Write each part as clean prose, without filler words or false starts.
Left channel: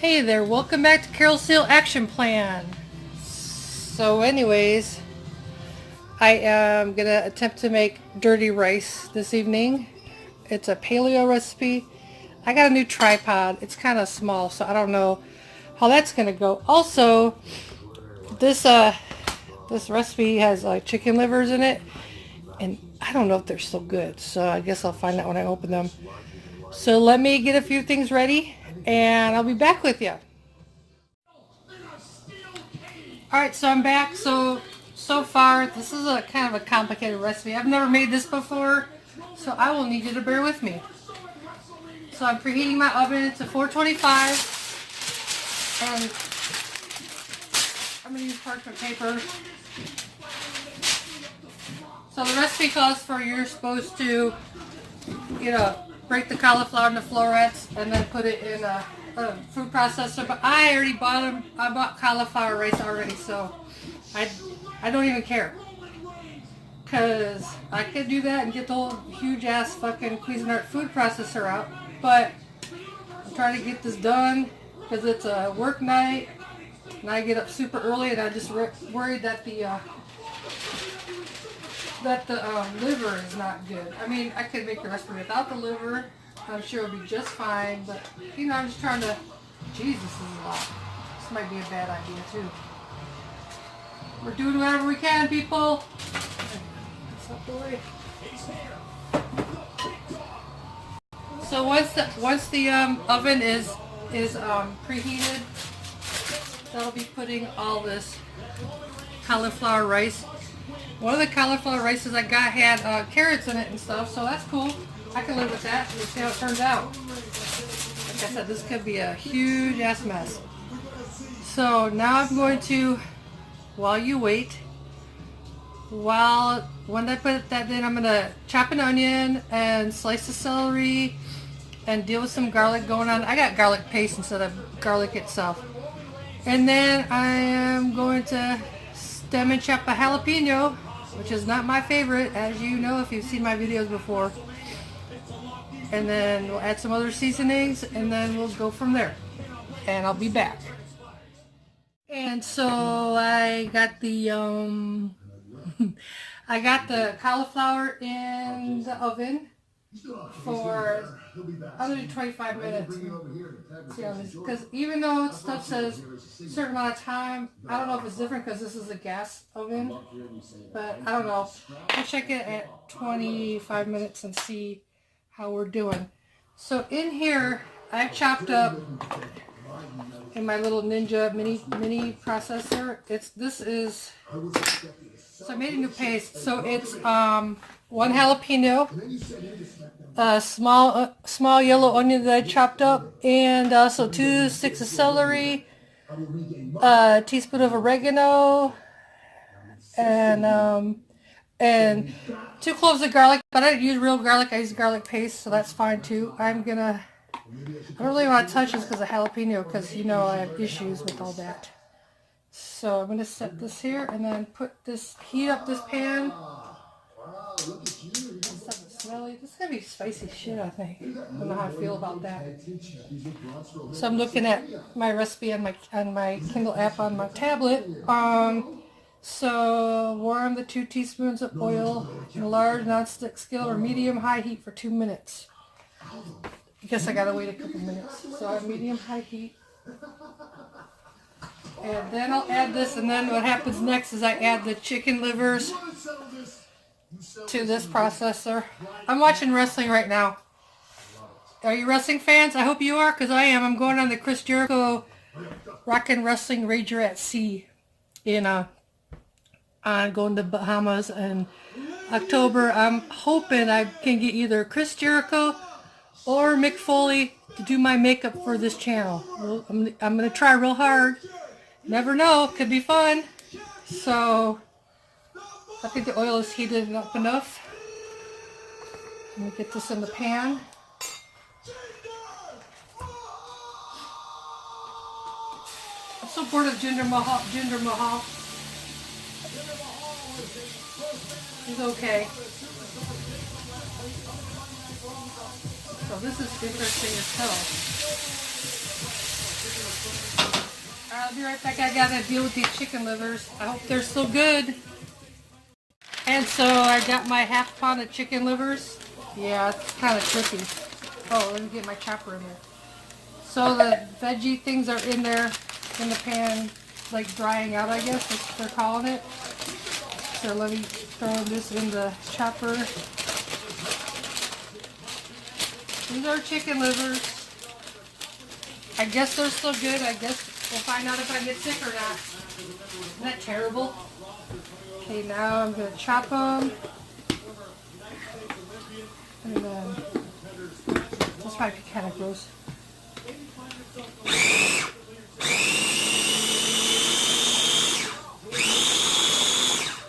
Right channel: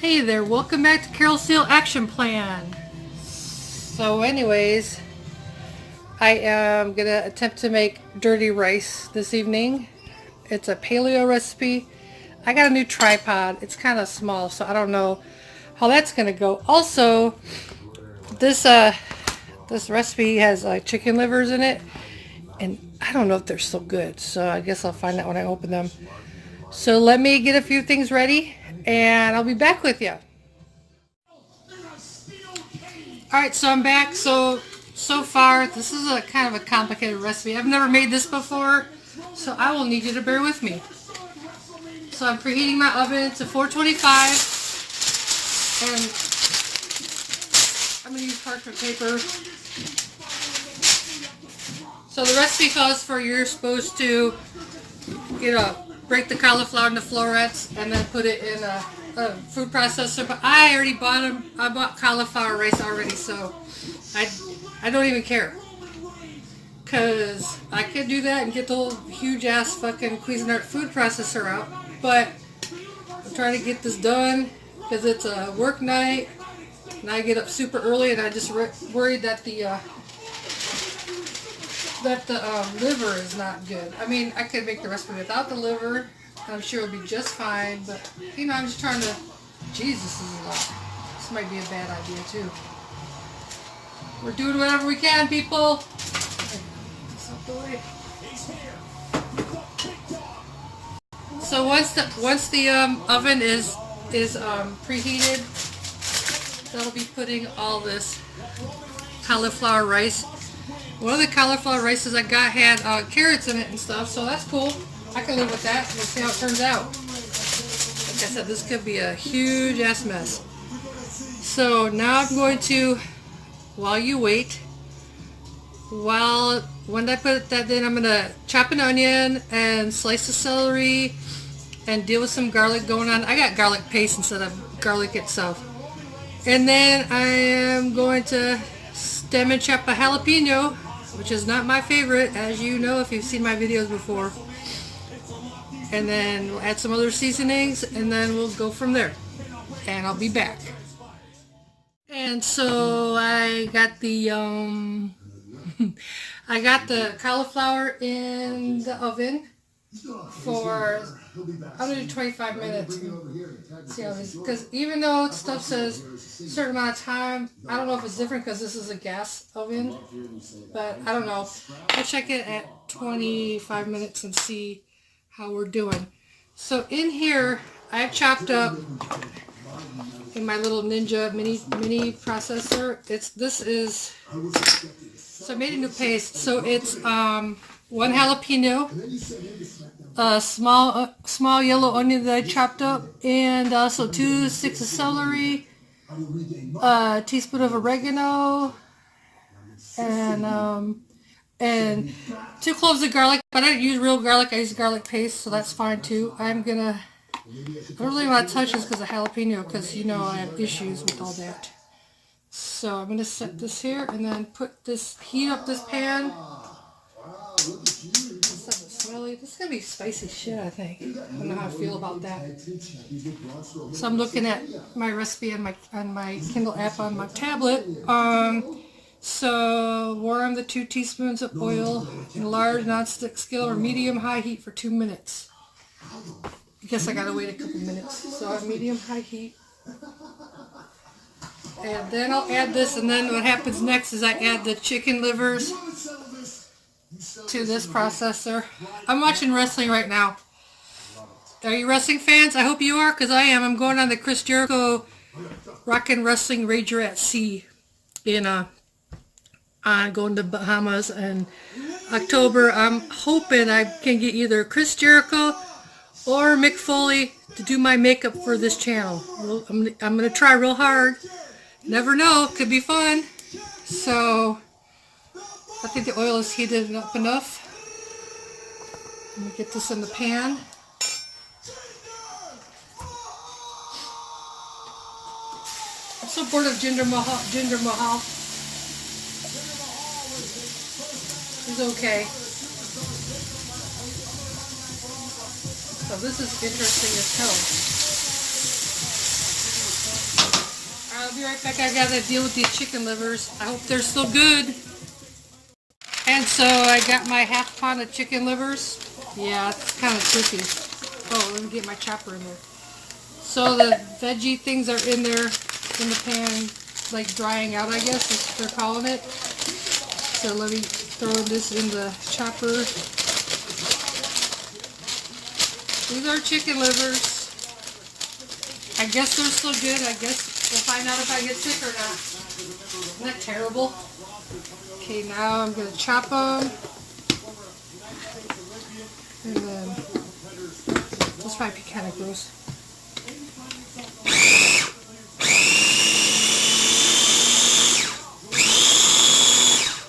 Hey there, welcome back to Carol Steele Action Plan. So anyways, I am going to attempt to make dirty rice this evening. It's a paleo recipe. I got a new tripod. It's kind of small, so I don't know how that's going to go. Also, this recipe has like chicken livers in it, and I don't know if they're still good, so I guess I'll find out when I open them. So let me get a few things ready, and I'll be back with you. Alright, so I'm back. So far, this is a kind of a complicated recipe. I've never made this before, so I will need you to bear with me. So I'm preheating my oven to 425, and I'm going to use parchment paper. So the recipe calls for you're supposed to, break the cauliflower into florets and then put it in a food processor, but I already bought them. I bought cauliflower rice already, so I don't even care, because I could do that and get the whole huge ass fucking Cuisinart food processor out, but I'm trying to get this done because it's a work night and I get up super early, and I just worried that the liver is not good. I mean, I could make the recipe without the liver. I'm sure it'll be just fine, but I'm just trying to. Jesus, this is a lot. This might be a bad idea too. We're doing whatever we can, people. So once the oven is preheated, that'll be putting all this cauliflower rice. One of the cauliflower rices I got had carrots in it and stuff, so that's cool. I can live with that. We'll see how it turns out. Like I said, this could be a huge ass mess. So now I'm going to, while you wait, when I put that in, I'm going to chop an onion and slice the celery and deal with some garlic going on. I got garlic paste instead of garlic itself. And then I am going to stem and chop a jalapeno, which is not my favorite, as you know if you've seen my videos before. And then we'll add some other seasonings, and then we'll go from there. And I'll be back. And so I got the I got the cauliflower in the oven for under 25 minutes. See how it is, because even though stuff says a certain amount of time, I don't know if it's different because this is a gas oven, but I don't know. We'll check it at 25 minutes and see how we're doing. So in here, I've chopped up in my little Ninja mini processor. So I made a new paste. So it's one jalapeno, a small yellow onion that I chopped up, and also 2 sticks of celery, a teaspoon of oregano, and 2 cloves of garlic, but I didn't use real garlic. I used garlic paste, so that's fine too. I don't really want to touch this because of jalapeno, because I have issues with all that. So I'm going to set this here and then heat up this pan. This is smelly. This is going to be spicy shit, I think. I don't know how I feel about that. So I'm looking at my recipe on my Kindle app on my tablet. So warm the 2 teaspoons of oil in a large nonstick skillet or medium-high heat for 2 minutes. I guess I gotta wait a couple minutes. So medium-high heat. And then I'll add this, and then what happens next is I add the chicken livers to this processor. I'm watching wrestling right now. Are you wrestling fans? I hope you are, because I am. I'm going on the Chris Jericho Rockin' Wrestling Rager at Sea I'm going to Bahamas in October. I'm hoping I can get either Chris Jericho or Mick Foley to do my makeup for this channel. I'm going to try real hard. Never know. Could be fun. So I think the oil is heated up enough. Let me get this in the pan. I'm so bored of Jinder Mahal. He's okay. So this is interesting as hell. I'll be right back. I gotta deal with these chicken livers. I hope they're still good. And so I got my half pound of chicken livers. Yeah, it's kind of tricky. Oh, let me get my chopper in there. So the veggie things are in there in the pan, like drying out, I guess, that's what they're calling it. So let me throw this in the chopper. These are chicken livers. I guess they're still good. I guess we'll find out if I get sick or not. Isn't that terrible? Okay, now I'm going to chop them. And then, this might be kind of gross.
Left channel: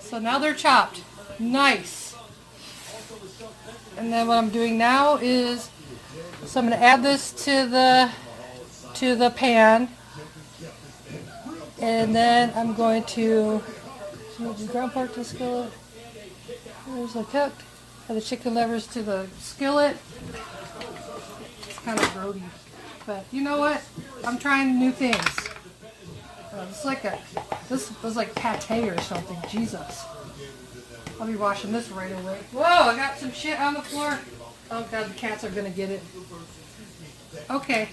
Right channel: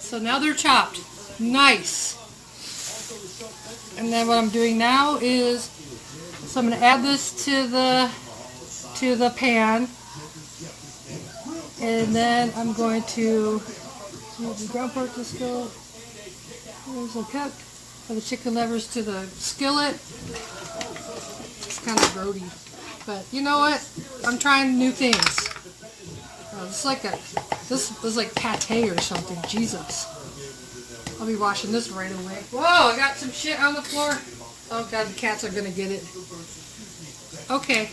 So now they're chopped. Nice. And then what I'm doing now is, so I'm going to add this to the pan. And then I'm going to move the ground pork to the skillet. There's a cut of the chicken livers to the skillet. It's kind of grody. But you know what? I'm trying new things. This is like pate or something. Jesus. I'll be washing this right away. Whoa, I got some shit on the floor. Oh god, the cats are gonna get it. Okay.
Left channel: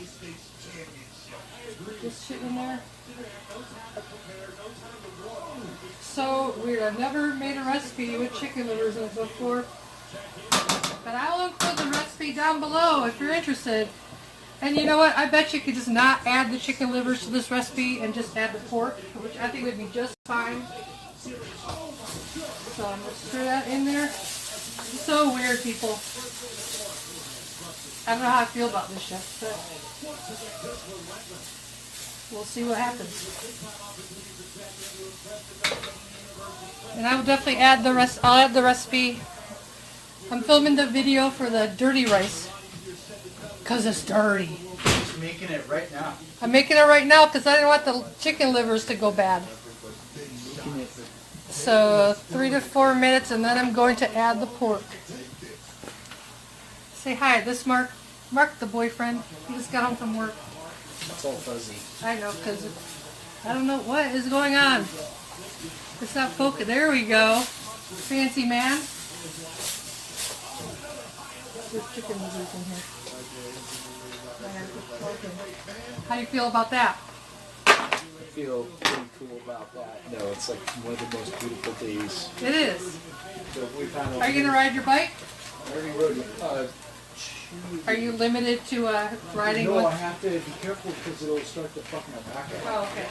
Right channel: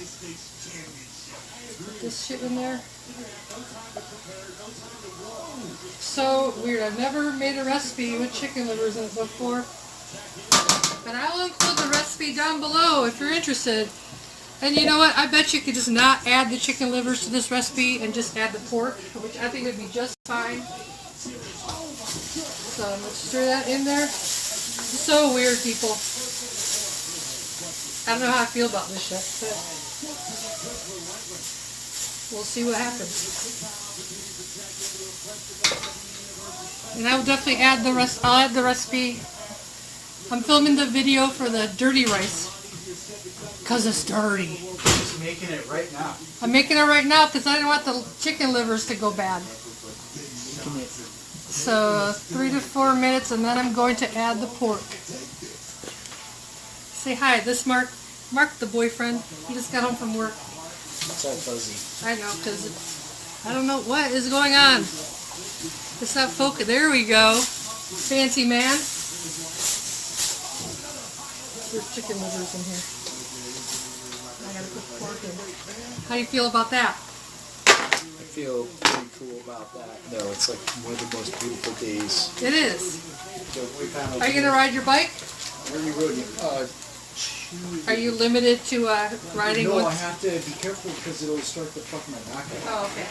Put this shit in there. So weird. I've never made a recipe with chicken livers in it before. But I will include the recipe down below if you're interested. And you know what? I bet you could just not add the chicken livers to this recipe and just add the pork, which I think would be just fine. So I'm going to stir that in there. So weird, people. I don't know how I feel about this yet, but we'll see what happens. And I will definitely add the rest. I'll add the recipe. I'm filming the video for the dirty rice because it's dirty. Just making it right now. I'm making it right now because I don't want the chicken livers to go bad. So 3 to 4 minutes, and then I'm going to add the pork. Say hi. This Mark the boyfriend. He just got home from work. It's all fuzzy. I know, because I don't know what is going on. It's not focus. There we go. Fancy man. There's chicken livers in here. I have good pork in. How do you feel about that? I feel pretty cool about that. No, it's like one of the most beautiful days. It is. So we found Are you going to ride your bike? I already rode it. Are you limited to riding No, with? I have to be careful because it'll start to fuck my back up. Oh, okay.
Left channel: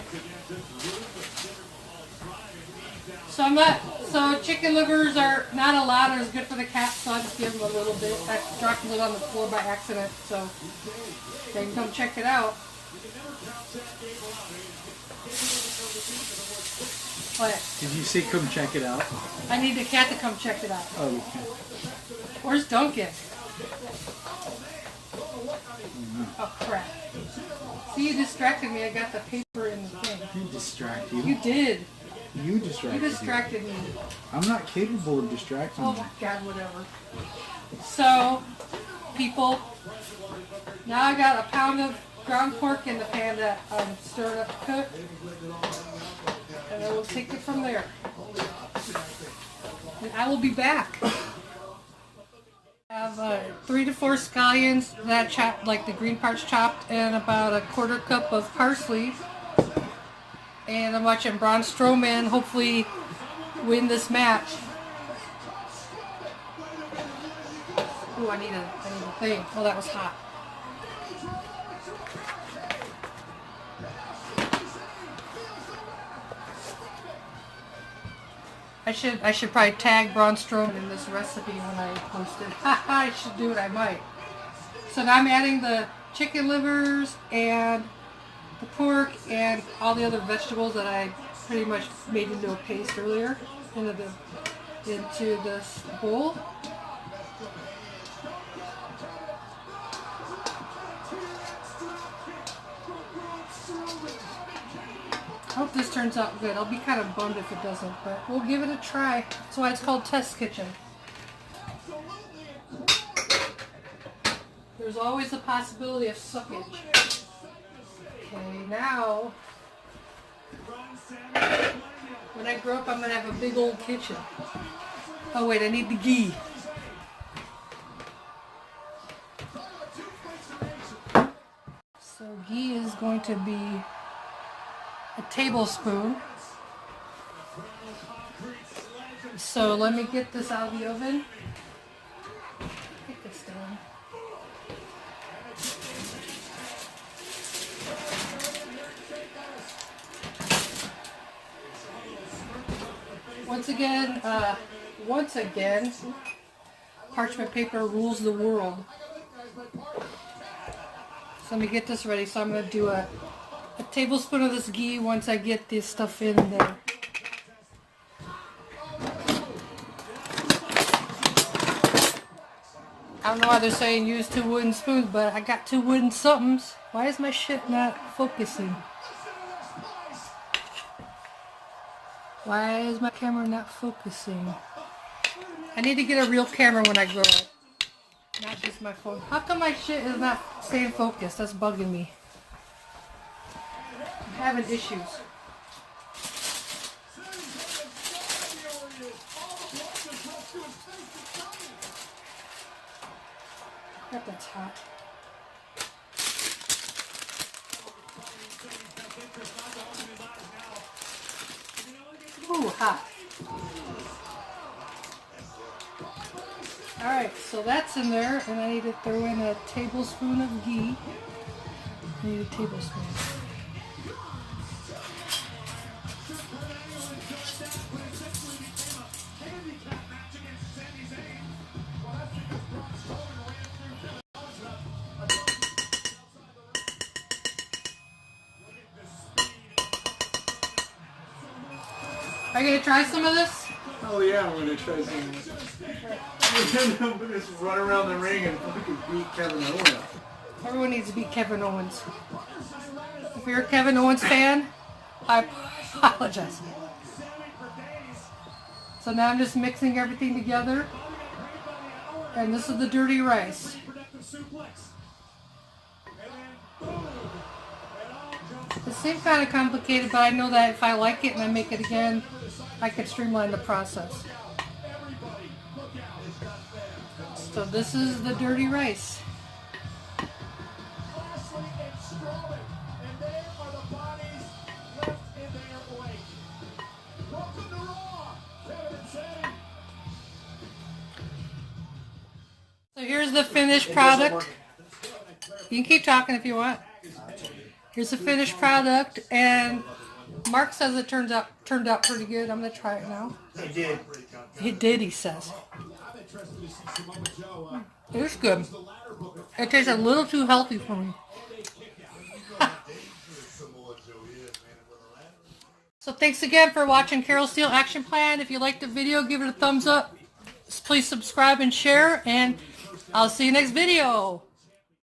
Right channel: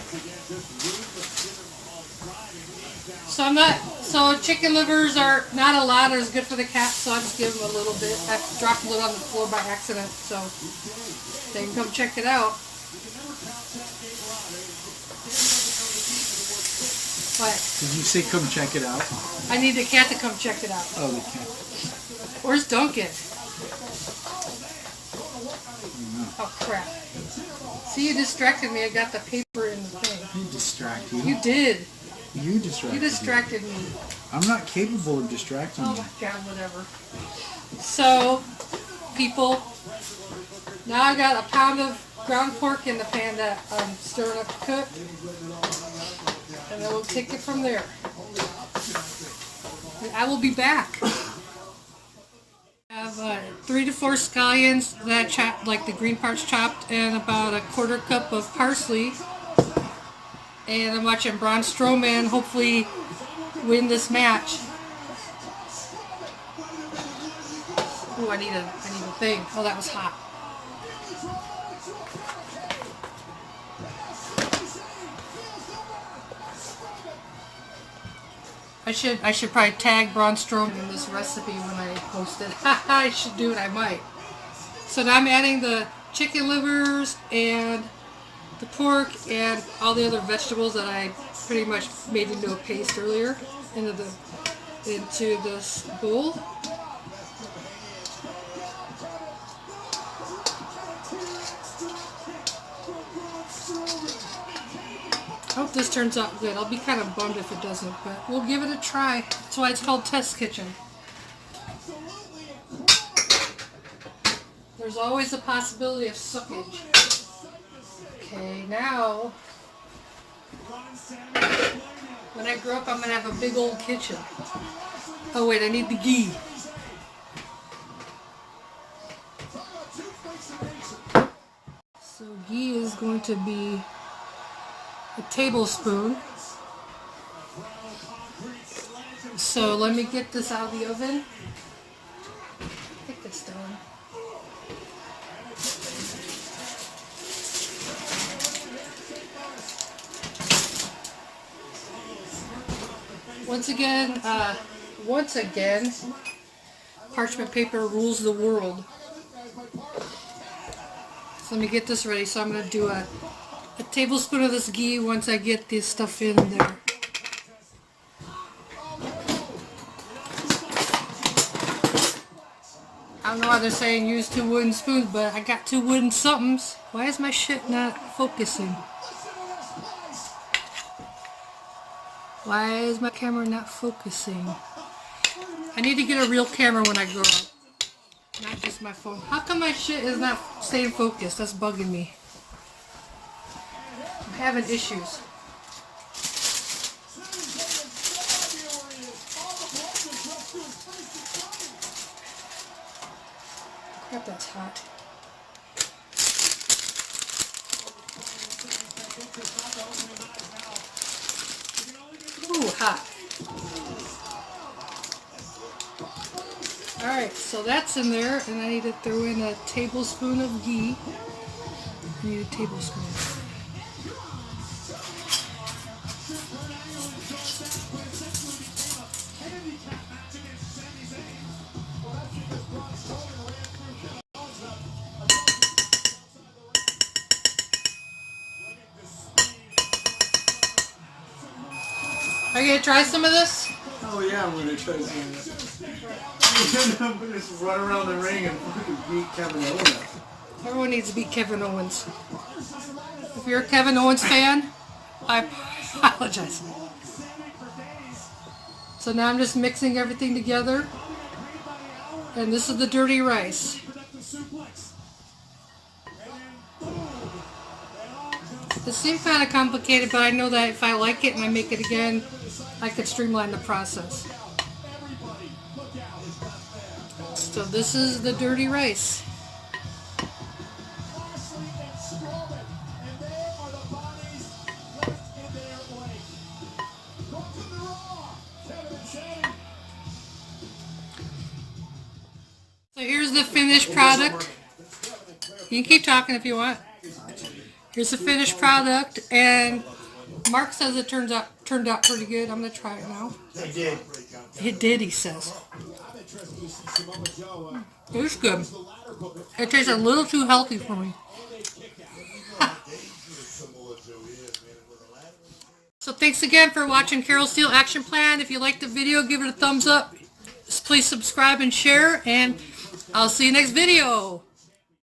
So so chicken livers are not a lot or as good for the cats, so I just give them a little bit. I dropped a little on the floor by accident, so they can come check it out. What? Did you say come check it out? I need the cat to come check it out. Oh, we can't. Where's Duncan? Oh crap. See, you distracted me. I got the paper in the thing. You distract you. You did. You distracted. You distracted me. I'm not capable of distracting Oh you. my god, whatever. So, people, now I got a pound of ground pork in the pan that I'm stirring up to cook. And then we'll take it from there. And I will be back. I have 3 to 4 scallions that I chopped, like the green parts chopped, and about a 1/4 cup of parsley. And I'm watching Braun Strowman hopefully win this match. Oh, I need a thing. Oh, that was hot. I should probably tag Braun Strowman in this recipe when I post it. I should do it. I might. So now I'm adding the chicken livers and the pork and all the other vegetables that I pretty much made into a paste earlier into this bowl. I hope this turns out good. I'll be kind of bummed if it doesn't, but we'll give it a try. That's why it's called Test Kitchen. There's always a possibility of suckage. Okay, now When I grow up, I'm gonna have a big old kitchen. Oh wait, I need the ghee. So ghee is going to be a tablespoon. So let me get this out of the oven. Take this down. Once again, parchment paper rules the world. So let me get this ready. So I'm going to do a tablespoon of this ghee once I get this stuff in there. I don't know why they're saying use 2 wooden spoons, but I got 2 wooden somethings. Why is my shit not focusing? Why is my camera not focusing? I need to get a real camera when I grow up. Not just my phone. How come my shit is not staying focused? That's bugging me. I'm having issues. Crap, that's hot. Ooh, hot. Alright, so that's in there, and I need to throw in a tablespoon of ghee. I need a tablespoon. Are you gonna try some of this? Oh yeah, I'm gonna try some of this. I'm gonna just run around the ring and we can beat Kevin Owens. Everyone needs to beat Kevin Owens. If you're a Kevin Owens fan, I apologize. So now I'm just mixing everything together. And this is the dirty rice. It seems kind of complicated, but I know that if I like it and I make it again, I could streamline the process. So this is the dirty rice. So here's the finished product. You can keep talking if you want. Here's the finished product, and Mark says it turned out pretty good. I'm gonna try it now. It did. It did, he says. It was good. It tastes a little too healthy for me. So thanks again for watching Carol Steele Action Plan. If you liked the video, give it a thumbs up. Please subscribe and share, and I'll see you next video.